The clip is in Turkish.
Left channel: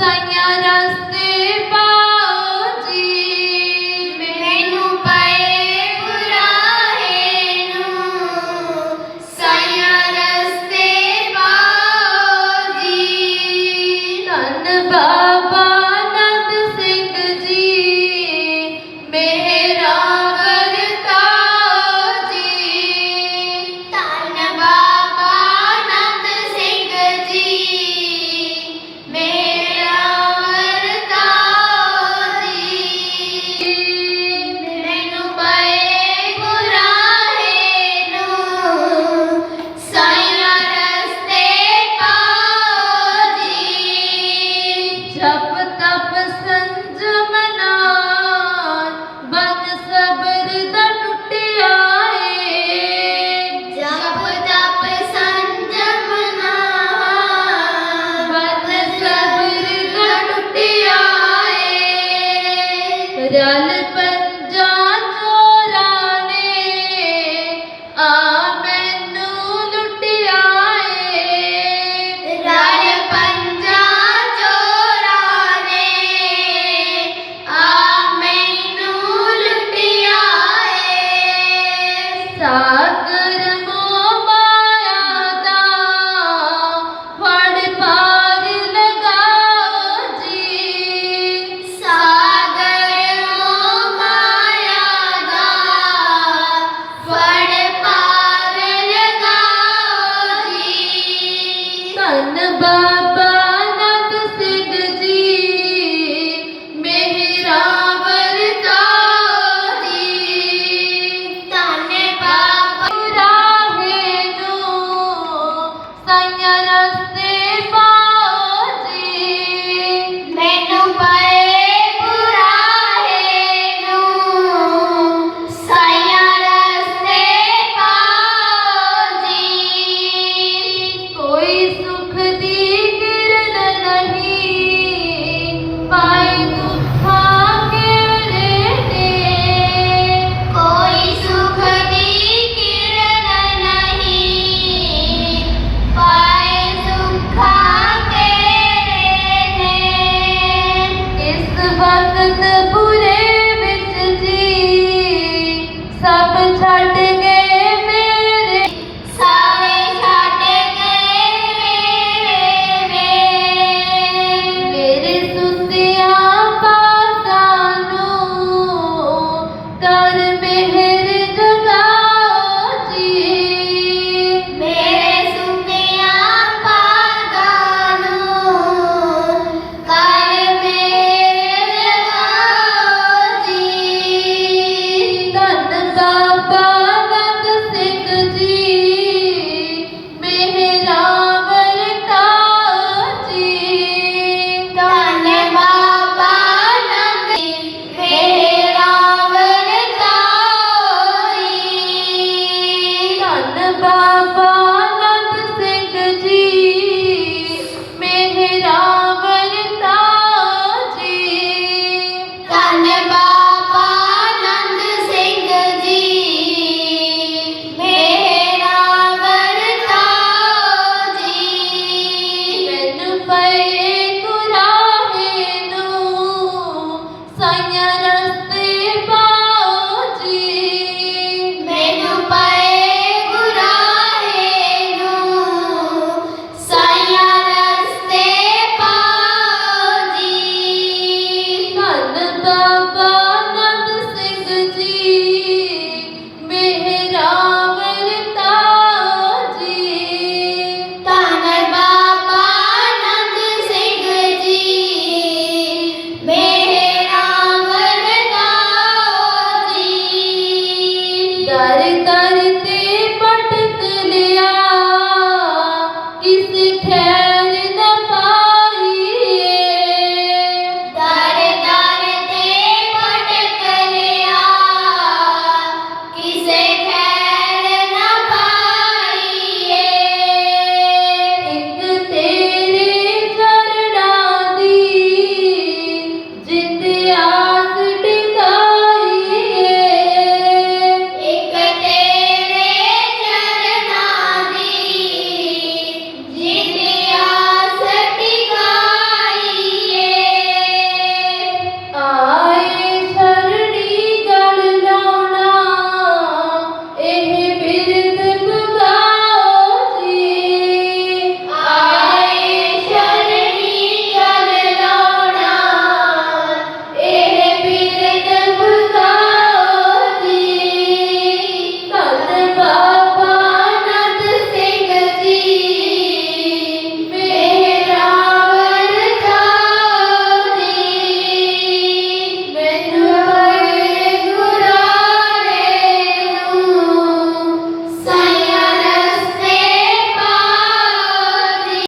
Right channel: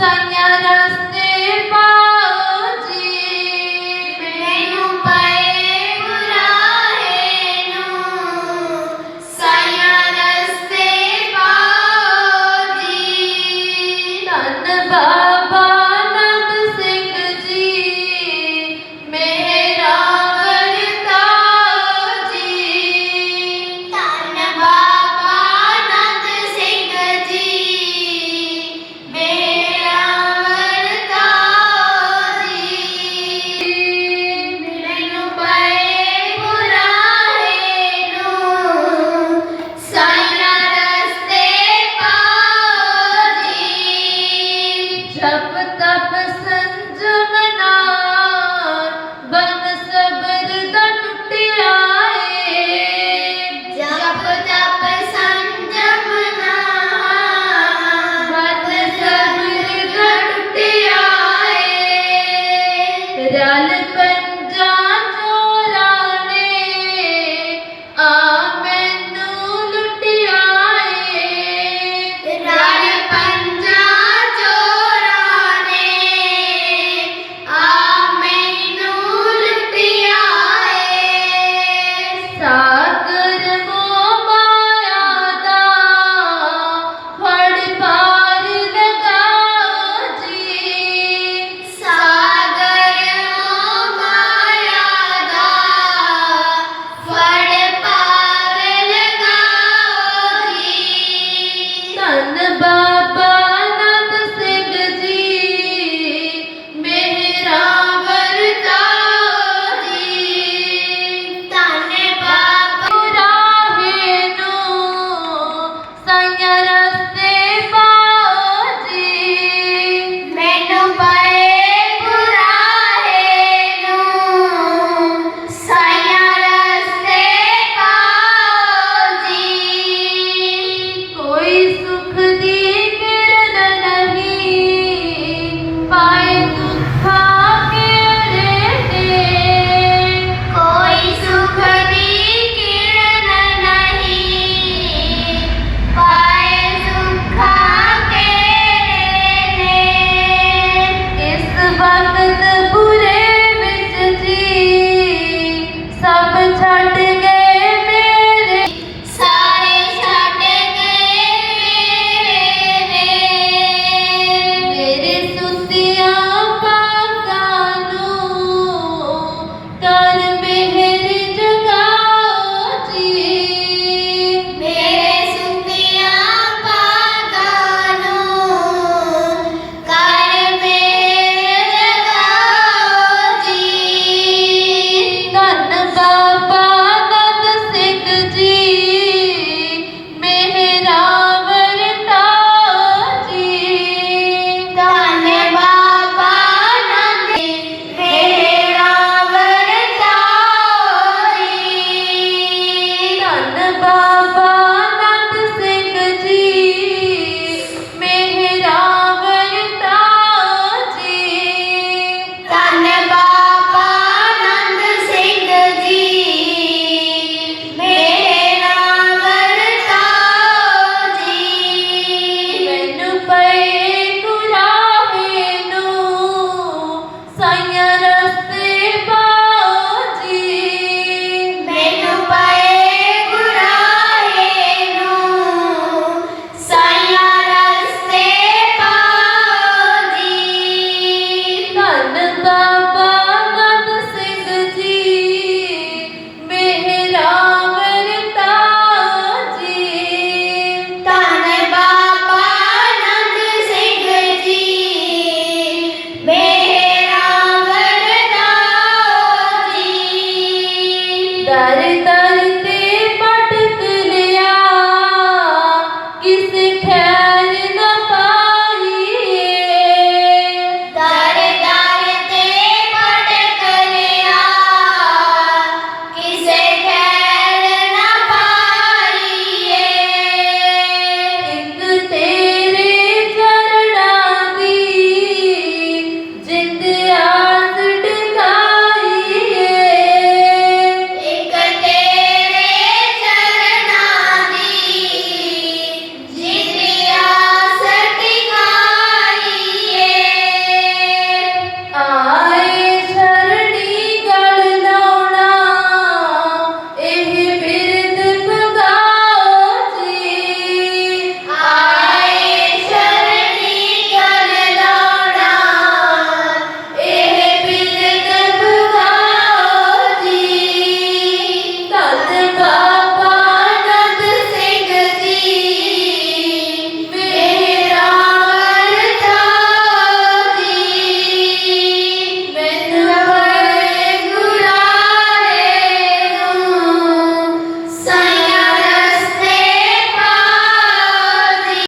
Sen yarasın.